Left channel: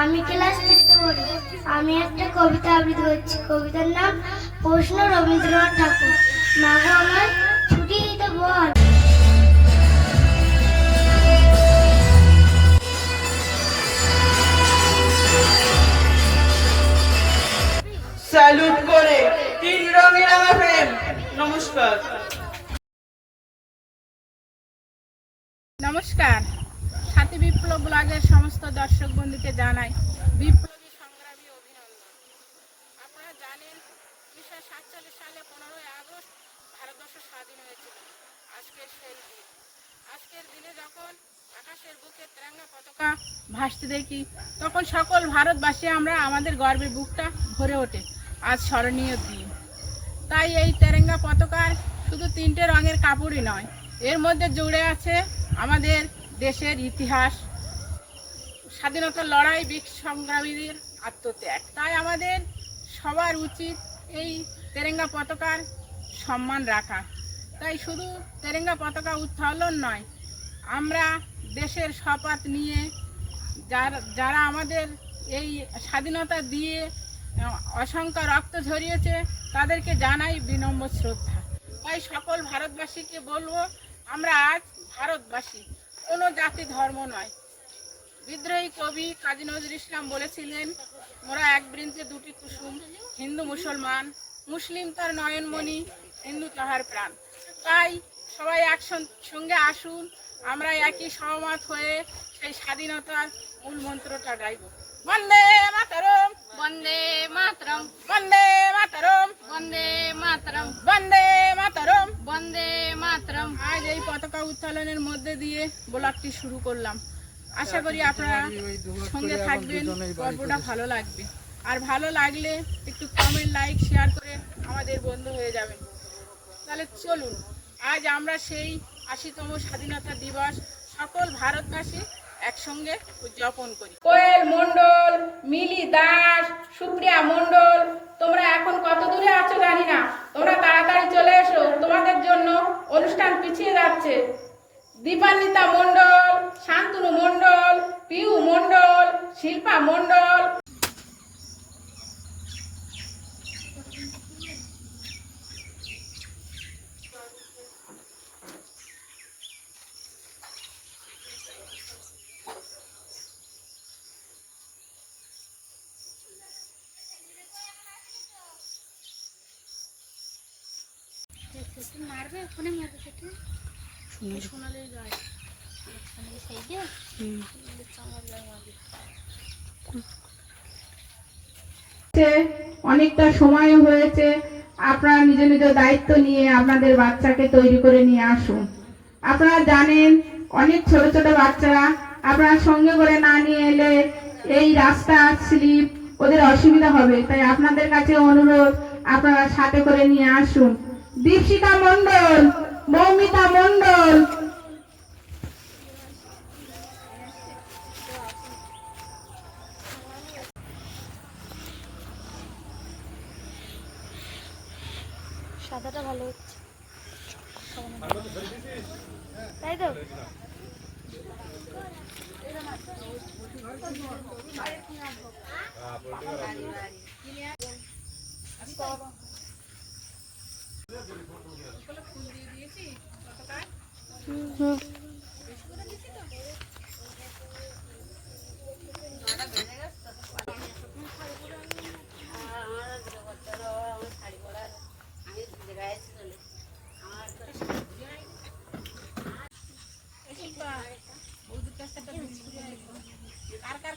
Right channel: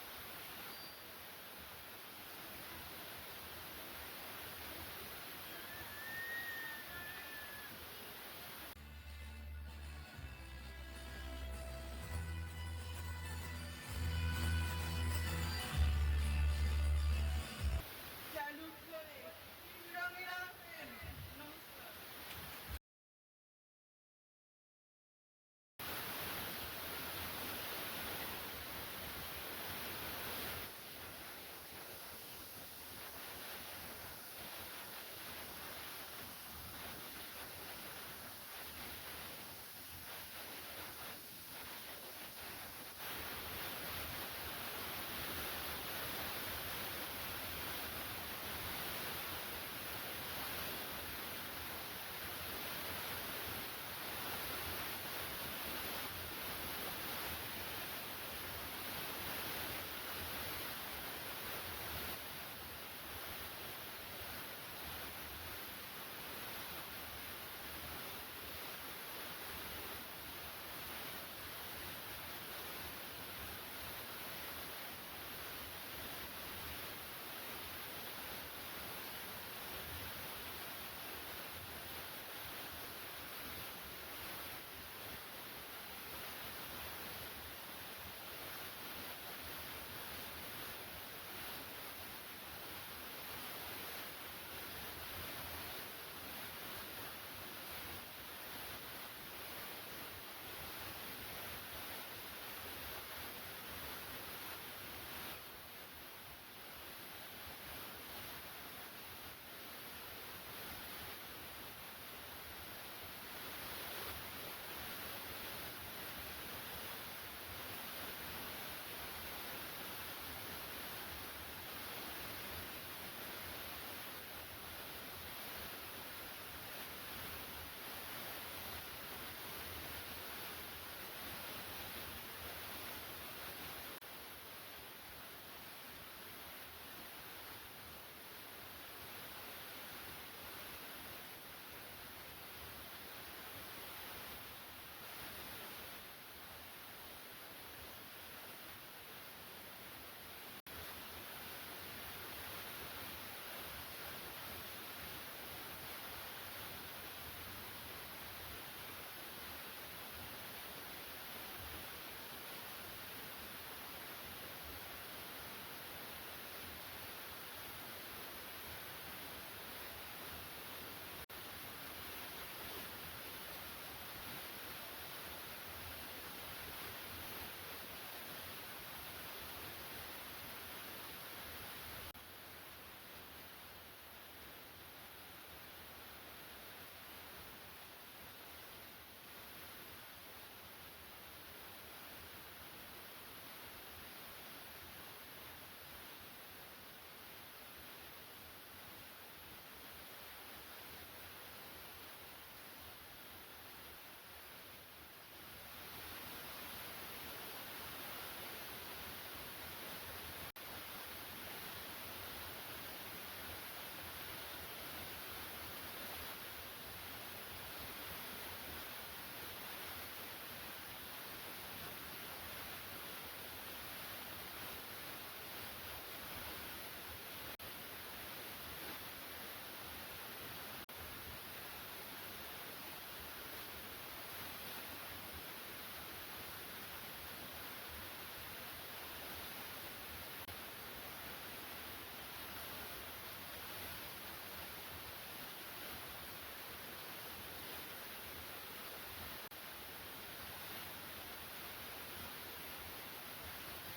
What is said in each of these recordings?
আমি ক্লাস 3তে পড়ি। আমি একটা কবিতা আবৃত্তি করছি। কবিতার নাম প্রশ্ন, রবীন্দ্রনাথ ঠাকুর। মাগো আমার ছুটি দিতে বল। স্যালুট করে তিন রঙের আমার প্রেম। নমস্কার। নমস্কার। সাথী বিপ্লব ব্লগের সমস্ত দর্শক বন্ধুকে জানাই বিপ্লবী সংগ্রামী অভিনন্দন। আপনারা জানেন 1947 সালে 15ই আগস্ট ভারতবর্ষ স্বাধীন হয়েছিল। আজকের সেই দিন, আজকের দিনে যখন আকাশের বুকে তেরঙ্গা পতাকা ভাসতে দেখি, তখন সকল ভারতবাসী আমরা আমাদের গর্বের বুকটা ভরে ওঠে। আজ স্মরণীয় দিন। তাই এই তেরঙ্গা পতাকার শুধু 3টে রঙের কাপড়ই নয়, এর মধ্যে জুড়ে আছে আমাদের দেশের ইতিহাস, স্বাধীনতার লড়াই, বীর সংগ্রামীদের আত্মত্যাগ। তাই আমাদের সবার উচিত এই তেরঙ্গা পতাকার সম্মান রাখা। তাই শুধু তেরঙ্গা পতাকা উত্তোলন নয়, আমরা দেশের শপথ নিয়ে যারা আমাদের এই স্বাধীনতা দিয়ে অসংখ্য রক্ত ঝরিয়েছে, তাদেরকে জানাই বিনম্র শ্রদ্ধা। তাই সকল ভারতবাসীকে বলবো, আমরা আজ ভারতবাসী, কোনো জাতি ধর্ম নয়। বিদ্রোহী কবি কাজী নজরুল ইসলাম বলেছিলেন, মোরা এক বৃন্তে দুটি কুসুম, হিন্দু মুসলমান, মুসলিম তার নয়নমণি, হিন্দু তাহার প্রাণ। তাই সবাই একসঙ্গে আসুন, আমরা একই সহমত হয়ে সেই স্বাধীনতার মূল মন্ত্রটা গাইব। বন্দে মাতরম, বন্দে মাতরম, বন্দে মাতরম, বন্দে মাতরম, বন্দে মাতরম, বন্দে মাতরম। আজ এই পতাকা উত্তোলনের মধ্যে দিয়ে ব্লগটি শুরু করলাম। আশা করি আপনারা সঙ্গে থাকবেন, গল্পটা ভালো লাগবে। আর ভালো লাগলে একটু কমেন্ট, লাইক, শেয়ার করে আমাদের বন্ধু হয়ে যাবেন। তাহলে চলুন, আজ আমরা সেই ৮০তম স্বাধীনতা দিবস সকল ভারতবাসী একসঙ্গে উদযাপন করি। কোয়েল মণ্ডল, মিলি দাস, সুপ্রিয়া মণ্ডল, তোমরা এখন কত দূরে আছো জানি না, তোমরা তাড়াতাড়ি চলে এসো, তোমাদের জন্য অনুষ্ঠান পিছিয়ে যাচ্ছে। দীপান্বিতা মণ্ডল, শান্তনু মণ্ডল, পিউ মণ্ডল, শিল্পা মণ্ডল। অনেকটা সময় হয়েছে, আপনারা নিজ নিজ দায়িত্ব নিয়ে আপনাদের বাচ্চাকে তৈরি করে নিয়ে আসুন। আপনারা জানেন অনেক ছোট ছোট বাচ্চারা আপনারা সঙ্গে করে না নিয়ে এলে এই রাস্তা স্লিপ, ওদের অসুবিধা হবে। তাই আপনাদের কাছে অনুরোধ, আপনারা সাথে করে নিয়ে আসুন। দীপশিকা মণ্ডল, মৌমিতা মণ্ডল, সাদাটা ভালো হচ্ছে, তাই তো?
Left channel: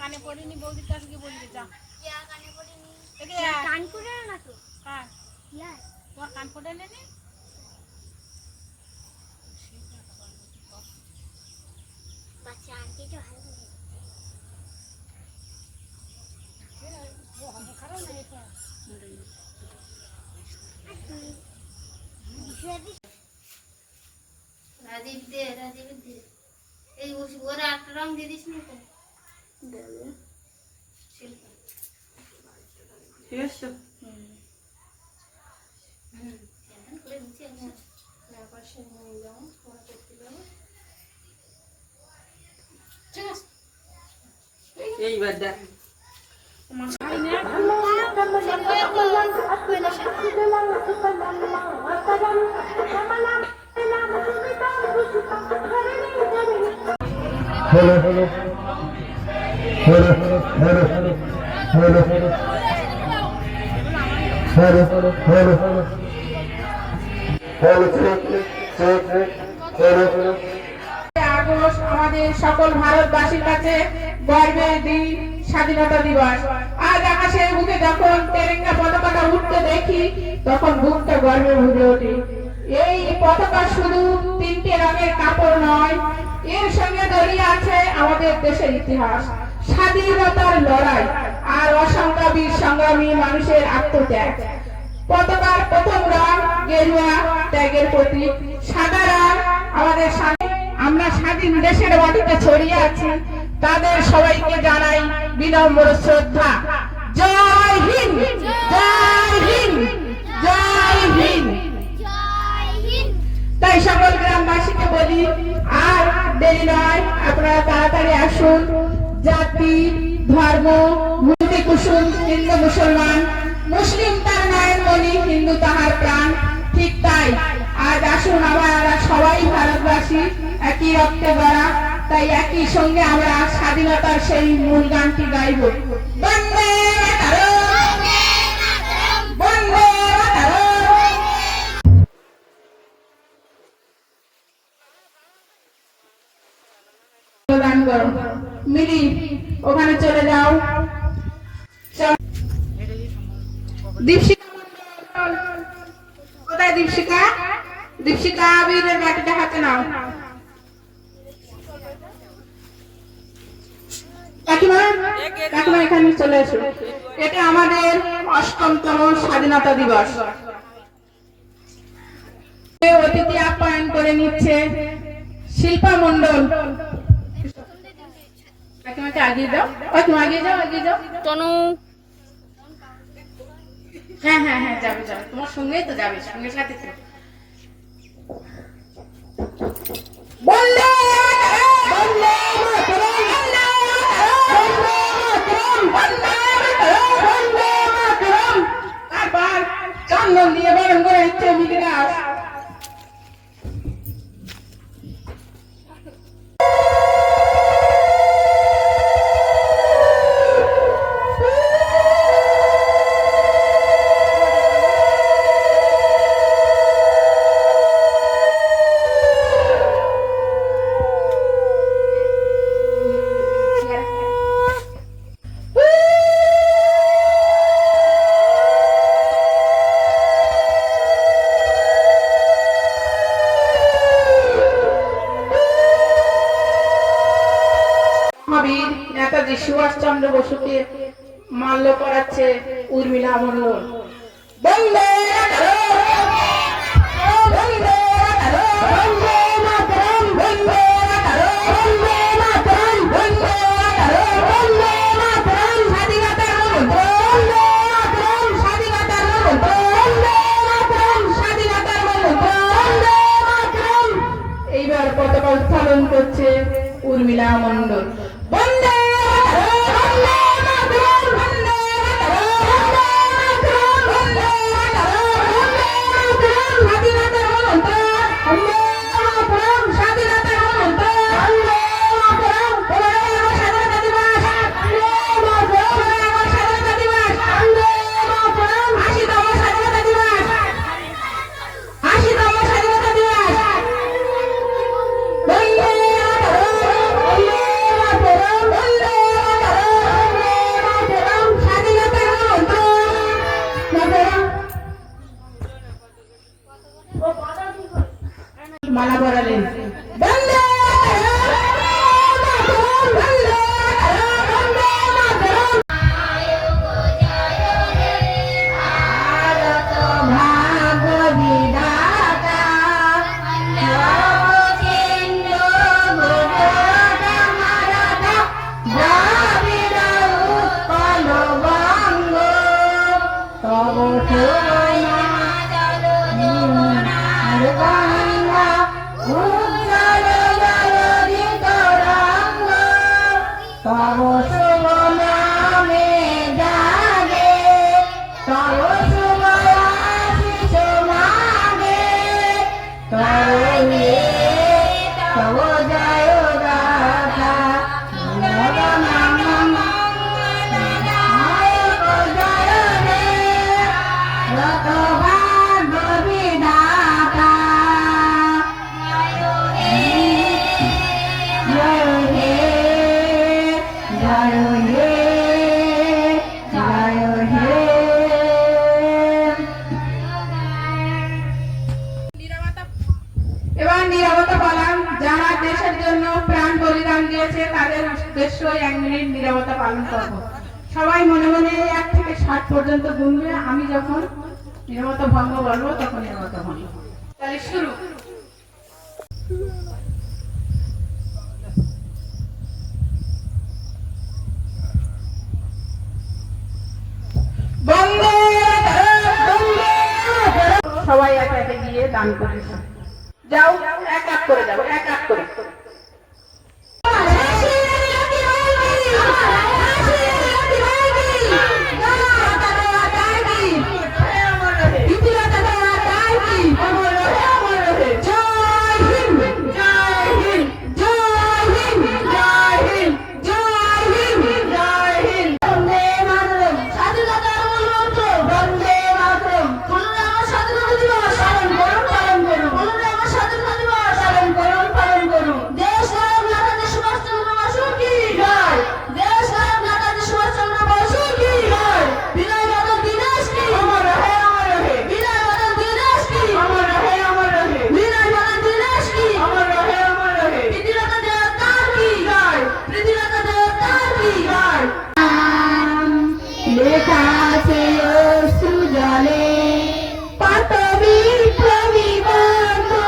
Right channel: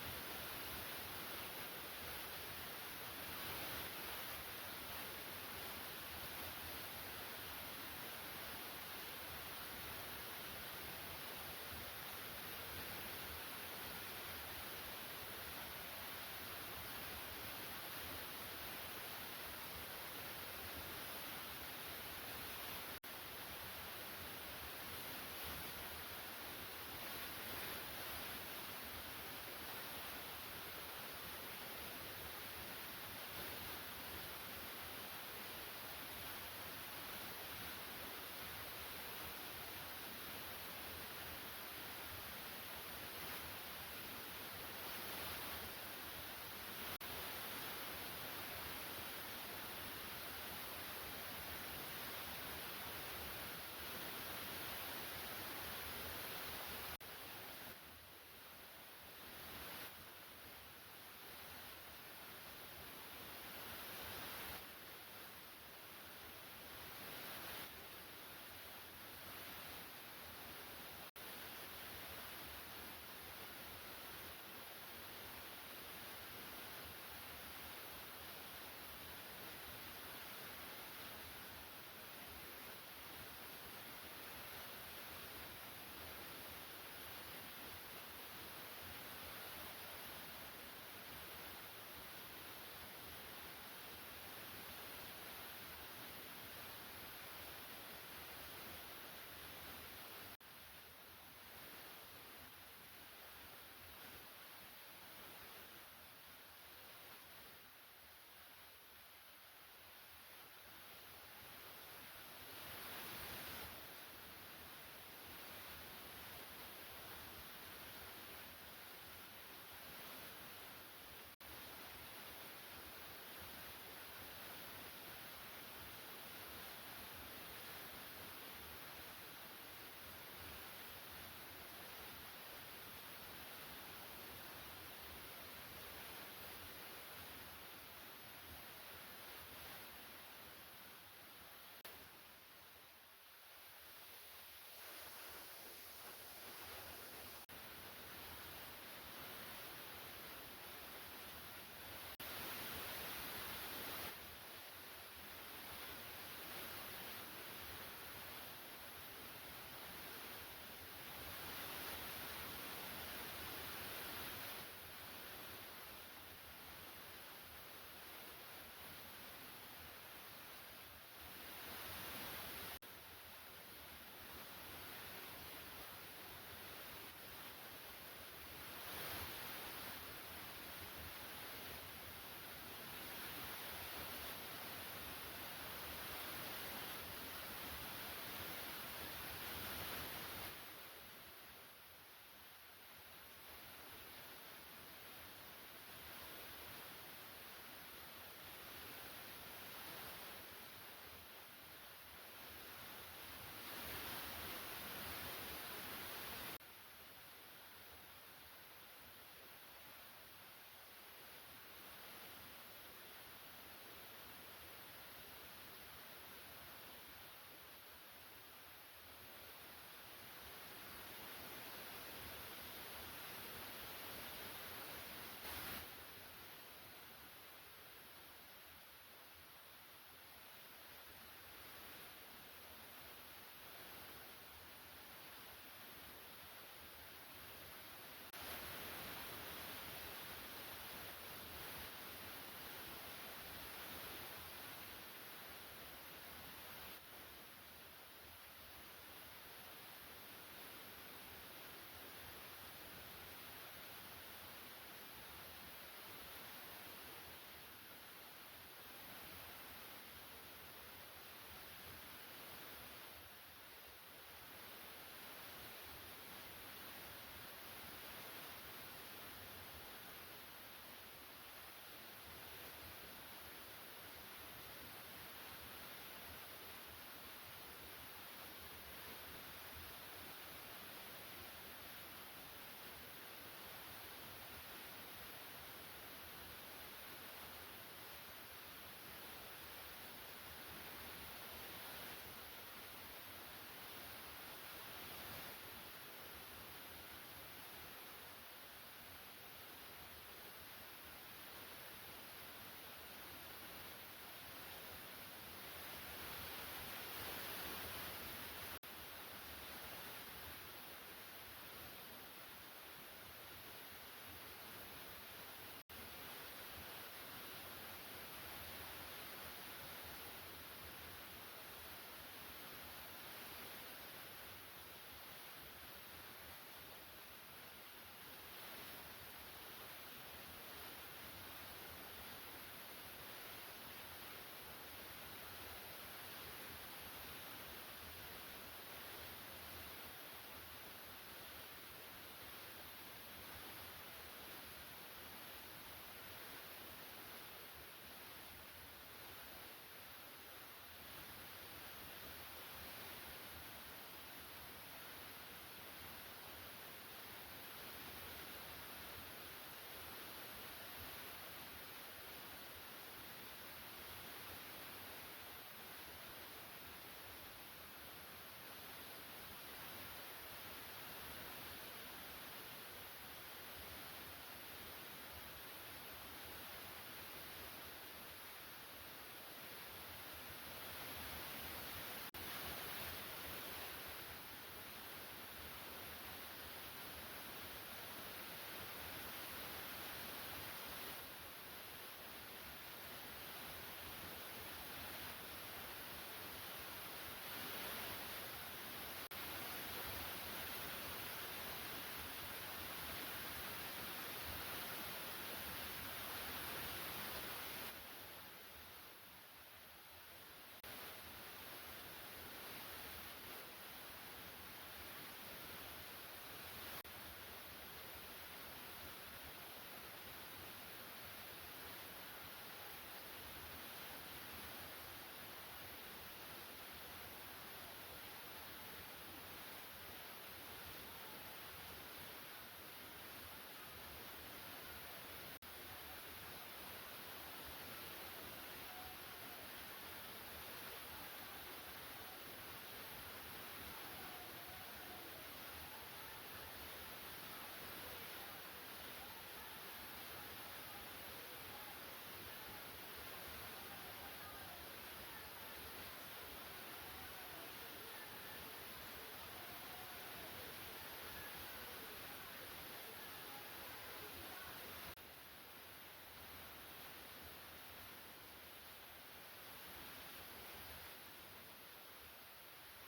কানে পড়িনি, বৌদির কাছে বলবি, যা কান পড়ে নাকি? তোমার কান পড়ে নেই? রাজীব দে, রাজীব দে। এই ওরা একটা রং দিয়ে দিস না তো? ঠিক আছে এইবার দেখ Hello, hello, hello, hello, hello, hello, hello, hello, hello, hello, August আমাদের সকল ভারতবাসীর কাছে গর্বের দিন, স্বাধীনতা দিবস। আজ আকাশের বুকে যখন তেরেঙ্গা পতাকাটা উঠতে দেখি তখন বুকটা গর্বে ভরে ওঠে। এই পতাকা শুধু তিনটে রঙের কাপড় নয়, এর সঙ্গে জড়িয়ে আছে আমাদের দেশের ইতিহাস, স্বাধীনতার লড়াই আর অসংখ্য বীর সংগ্রামী মানুষের আত্মত্যাগ। পতাকার প্রথম রং গেরুয়া, ত্যাগের প্রতীক। সাদা রং আমাদের আমরা স্বাধীন দেশের মাটিতে ছড়িয়ে আছি, তাদের সবাইকে জানাই বিনম্র শ্রদ্ধা। জয় হিন্দ, জয় হিন্দ, জয় হিন্দ। তাই সকল গ্রামবাসীকে বলি আর দেরি নয়, আপনারা তাড়াতাড়ি আসুন। জাতি, ধর্ম, ভূতি কুসুম, হিন্দু মুসলমান, মুসলিম তার নয়নমণি, হিন্দু তাহার প্রাণ। ঠিক তাই আজ আসুন আমরা সবাই ভারতবাসী, একই রক্তে গড়া, তাই একই সঙ্গে আমরা স্বাধীনতার সেই মূল গানটি গাইব। বন্দে মাতরম, বন্দে মাতরম। গান করো মিলি, ওখানে চলে যাও। দীপশিকা মণ্ডল, কোথায় দীপশিকা? দীপশিকা বীরের বাটিটা হাতে নাও। কাকিমা, কাকিমা এখানে চলে এসো। এটা আমাদের ৮ম স্বাধীনতা দিবস। অতিথি আপ্যায়ন করে নিচ্ছে শিল্পা মণ্ডল। কাকিমাকে আগিয়ে যাও, কাকিমা আগিয়ে যাও, আগিয়ে যাও। তনু হ্যাঁ হ্যাঁ হ্যাঁ, যাবে যাবে, তোমার সঙ্গেই তো যাবে, সঙ্গে সাথে তো। বন্দে বন্দে মাতরম, বন্দে মাতরম, বন্দে মাতরম। তারপর চন্দন দিয়ে বরণ করে নিচ্ছে মিলিরা। নেতাজি সুভাষচন্দ্র বসুকে মাল্য পড়াচ্ছে উর্মিলা মণ্ডল। বন্দে মাতরম, বন্দে মাতরম, বন্দে মাতরম, বন্দে মাতরম, বন্দে মাতরম, স্বাধীনতার মন্ত্র, বন্দে মাতরম, স্বাধীনতার মন্ত্র, বন্দে মাতরম, স্বাধীনতার মন্ত্র, বন্দে মাতরম। এইবার পতাকা উত্তোলন করছে উর্মিলা মণ্ডল। বন্দে মালা পরালেন। বন্দে ভাগ বিধাতা তব জয় গাথা এবার নীরবতা পালন। যারা দেশের জন্য প্রাণ বলিদান দিয়েছে তাদের উদ্দেশ্যে 1 মিনিট নীরবতা পালন করব। সবাই মনে মনে 1 থেকে 7 পর্যন্ত গুনবে। আমি যখন নীরবতা ভঙ্গ বলবো তখন নীরবতা ভঙ্গ। তাহলে শুরু। বন্দে সবাই একে একে গিয়ে দান করেছে। যাও, এক এক করে যাও, এক এক করে। লেখা আছে অশ্রু জলে কত বিপ্লবী বন্ধু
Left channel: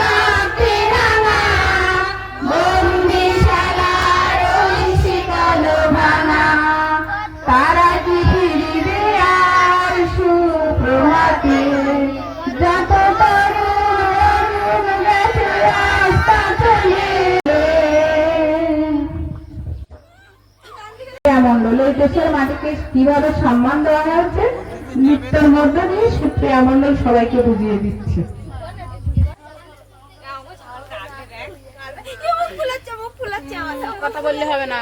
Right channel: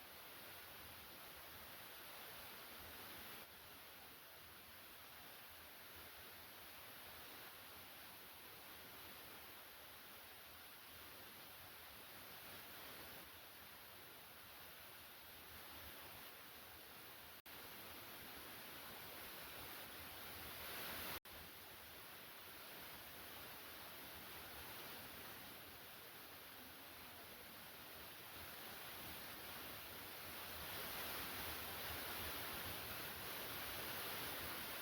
রাখতে রাঙা বন্দিশালার ওই শীতল ভাঙা তারা কি ফিরিবে আর সুপ্রভাতে যত তরুণ গেছে রাস্তা চলে। মন্ডল এই দেশের মাটিকে কিভাবে সম্মান দেওয়া হয়েছে নৃত্যের মধ্য দিয়ে সুপ্রিয়া মন্ডল সবাইকে বুঝিয়ে দিচ্ছে। কথা বললে হবে না।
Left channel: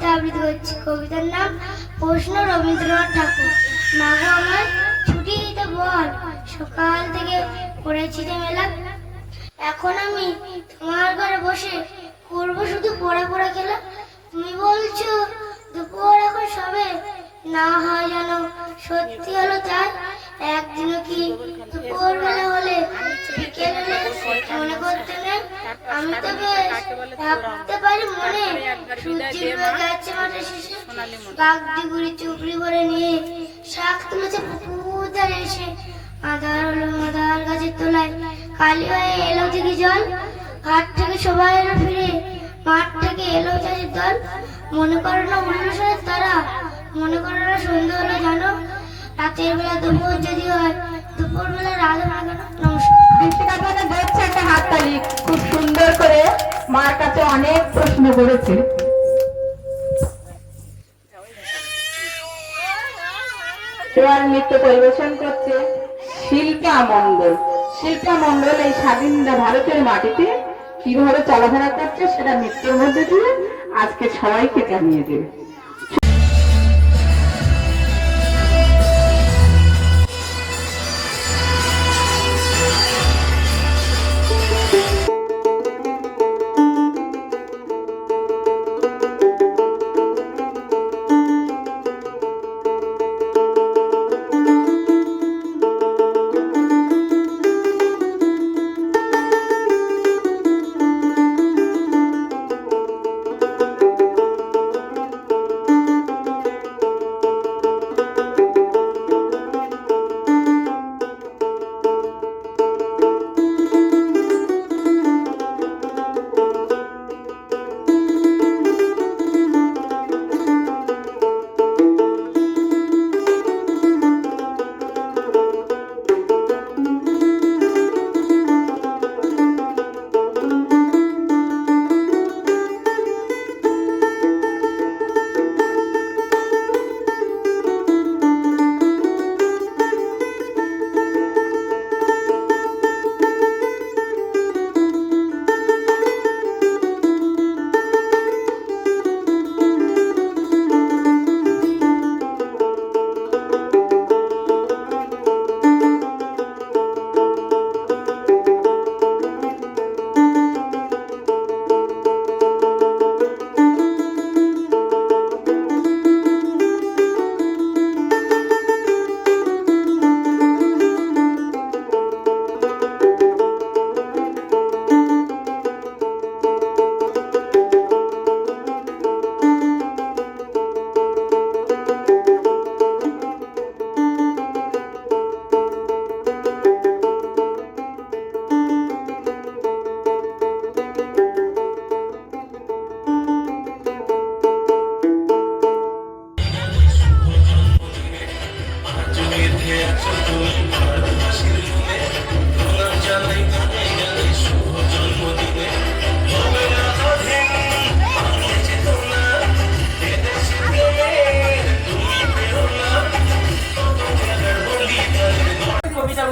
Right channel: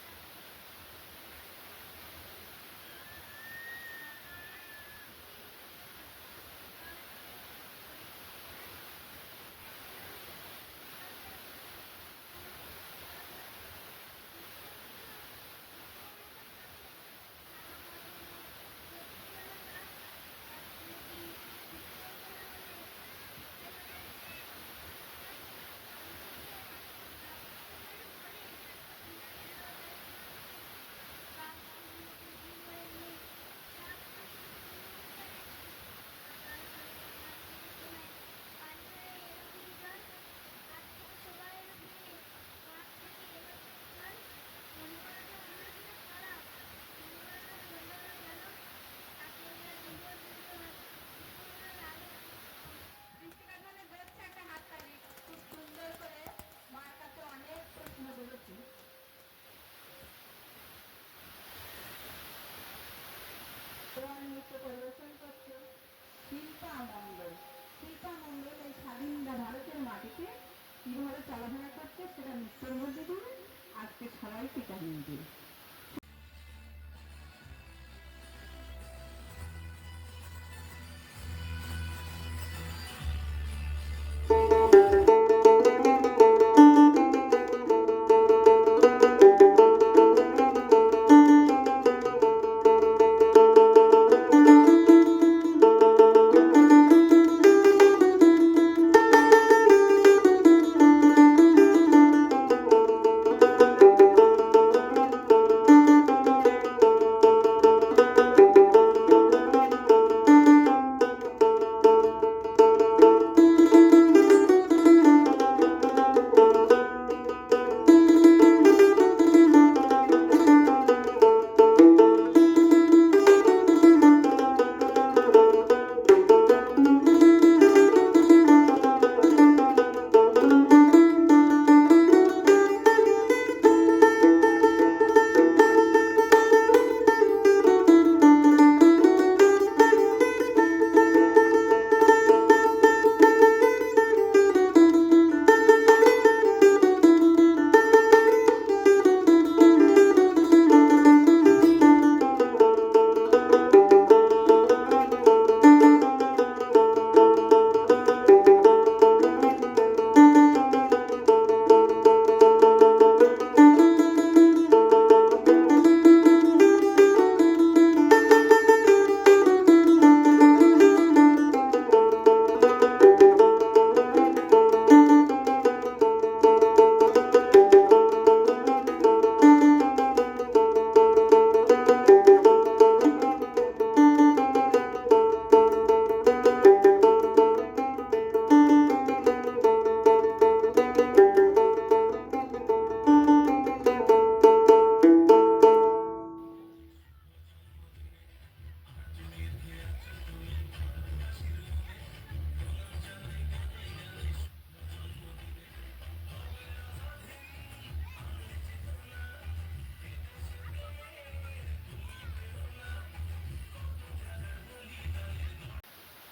কবিতা আবৃত্তি করছি। কবিতার নাম প্রশ্ন, রবীন্দ্রনাথ ঠাকুর। মাগো আমার ছুটি দিতে বল, সকাল থেকে পড়েছি যে মেলা। এখন আমি তোমার ঘরে বসে করবো শুধু পড়া পড়া খেলা। তুমি বলছো দুপুর এখন সবে, না হয় যেন সত্যি হলো তাই। একদিনও কি দুপুর বেলা হলে বিকেল হলে মনে করতে নেই। আমি তো বেশ ভাবতে পারি মনে, সূর্যের বেগে আছে মাঠে শেষে, বাগদি গুড়ি চুপড়ি ভরে নিয়ে শাক তুলেছে পুকুর ধারে এসে। আধার হলো মাদার গাছের তলায়, কালি হয়ে এলো দিকে জল। ঘাট থেকে সবাই এলো ফিরে, মাঠ থেকে এলো চাষের দল। মনে করো না উল্লাসের তারা, মনে করো না সন্ধ্যা হলো জানো। রাতের বেলা দুপুর যদি হয়, দুপুর বেলা রাত হয় না। নমস্কার। দীপিকা আপনাকে দেখছে একটা হাততালি, খুব সুন্দর করে মার কাছে অনেক প্রশ্ন করেছে। এবার নৃত্য পরিবেশন করছে শিল্পা মণ্ডল। শিল্পা মণ্ডল এই স্বাধীন ভারতের মাটিতে কিভাবে চলাফেরা করছে সেটা নৃত্যের মধ্যে দিয়ে আজকে সবাইকে জানিয়ে দেবে।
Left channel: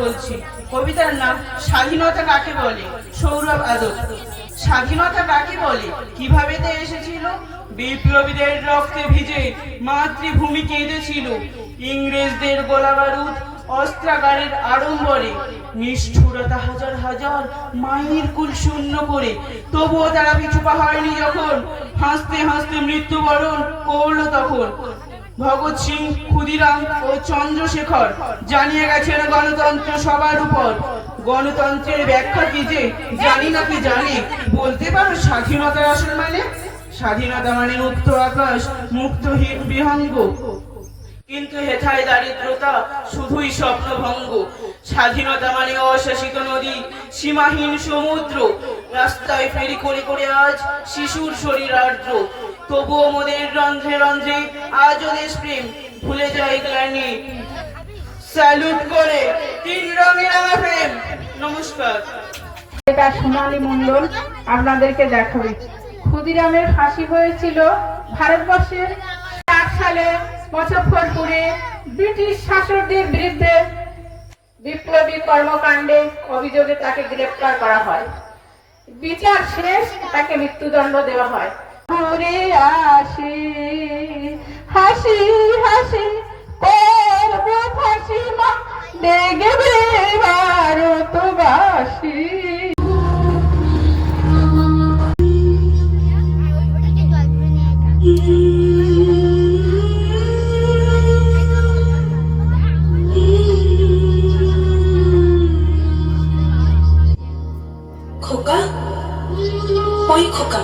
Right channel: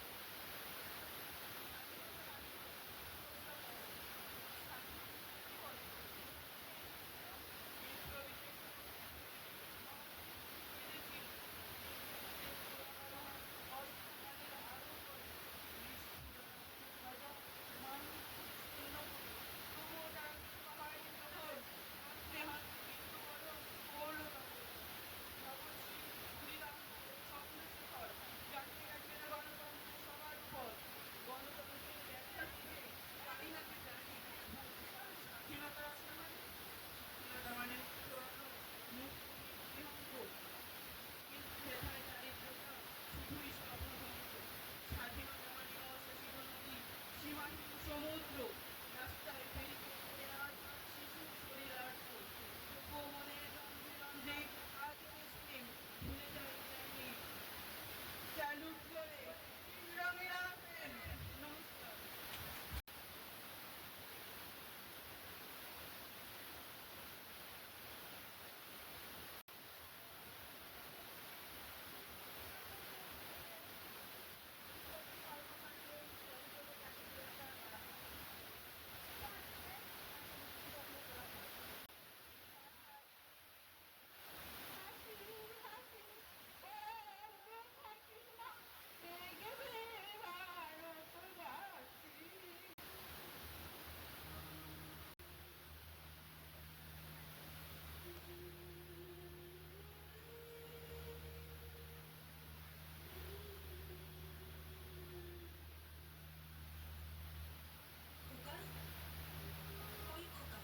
বলছি। কবিতার নাম স্বাধীনতা কাকে বলে, সৌরভ আদব। স্বাধীনতা কাকে বলে, কিভাবে তে এসেছিল? বিপ্লবীদের রক্তে ভিজে মাতৃভূমি কেঁদেছিল। ইংরেজদের গোলা বারুদ অস্ত্রাগারের আড়ম্বরে, নিষ্ঠুরতা হাজার হাজার মায়ের কুল শূন্য করে। তবুও তারা পিছু পা হয়নি যখন, হাসতে হাসতে মৃত্যুবরণ করলো তখন। ভগৎ সিং, ক্ষুদিরাম ও চন্দ্রশেখর জানিয়ে গেছেন গণতন্ত্র সবার উপর। গণতন্ত্রের ব্যাখ্যা কি যে জানি না কি জানি, বলতে পারো স্বাধীনতার আসল মানে? স্বাধীনতা মানে মুক্ত আকাশ, মুক্ত বিহঙ্গ, কিন্তু হেথায় দারিদ্রতা শুধুই স্বপ্নভঙ্গ। স্বাধীনতা মানে অশাসিত নদী, সীমাহীন সমুদ্র, রাস্তায় ফেরি করে করে আজ শিশুর শরীর আর্দ্র। তবুও মোদের রন্ধ্রে রন্ধ্রে আজও দেশপ্রেম, ভুলে যায় গ্লানি। স্যালুট করে তিন রঙের আমার প্রেম। নমস্কার। এটা সোনালী মণ্ডল আপনাদেরকে দেখাবে। ক্ষুদিরামের ফাঁসি হয়েছিল ভারতবর্ষের 8 সালে মুজফ্ফরপুরে ব্রিটিশ শাসকদের বিরুদ্ধে বিপ্লবী কর্মকাণ্ডে অভিযোগে তাকে গ্রেফতার করা হয়। বিচার শেষ, তাকে মৃত্যুদণ্ড দেওয়া হয়। ঘুরে আসে হাসি হাসি করবো ফাঁসি মা দেখবে ভারতবাসী। খোকা, ওই খোকা,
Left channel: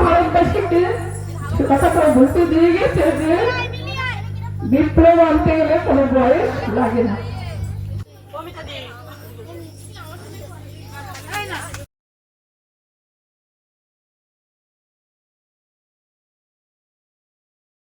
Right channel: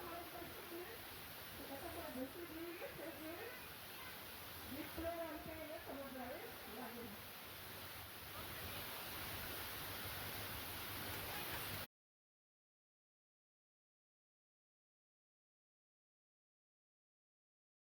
ভারতবাসীকে সে কথা তো বলতে দিয়ে গেছে যে বিপ্লব আনতে গেলে কোনো বয়স লাগে না।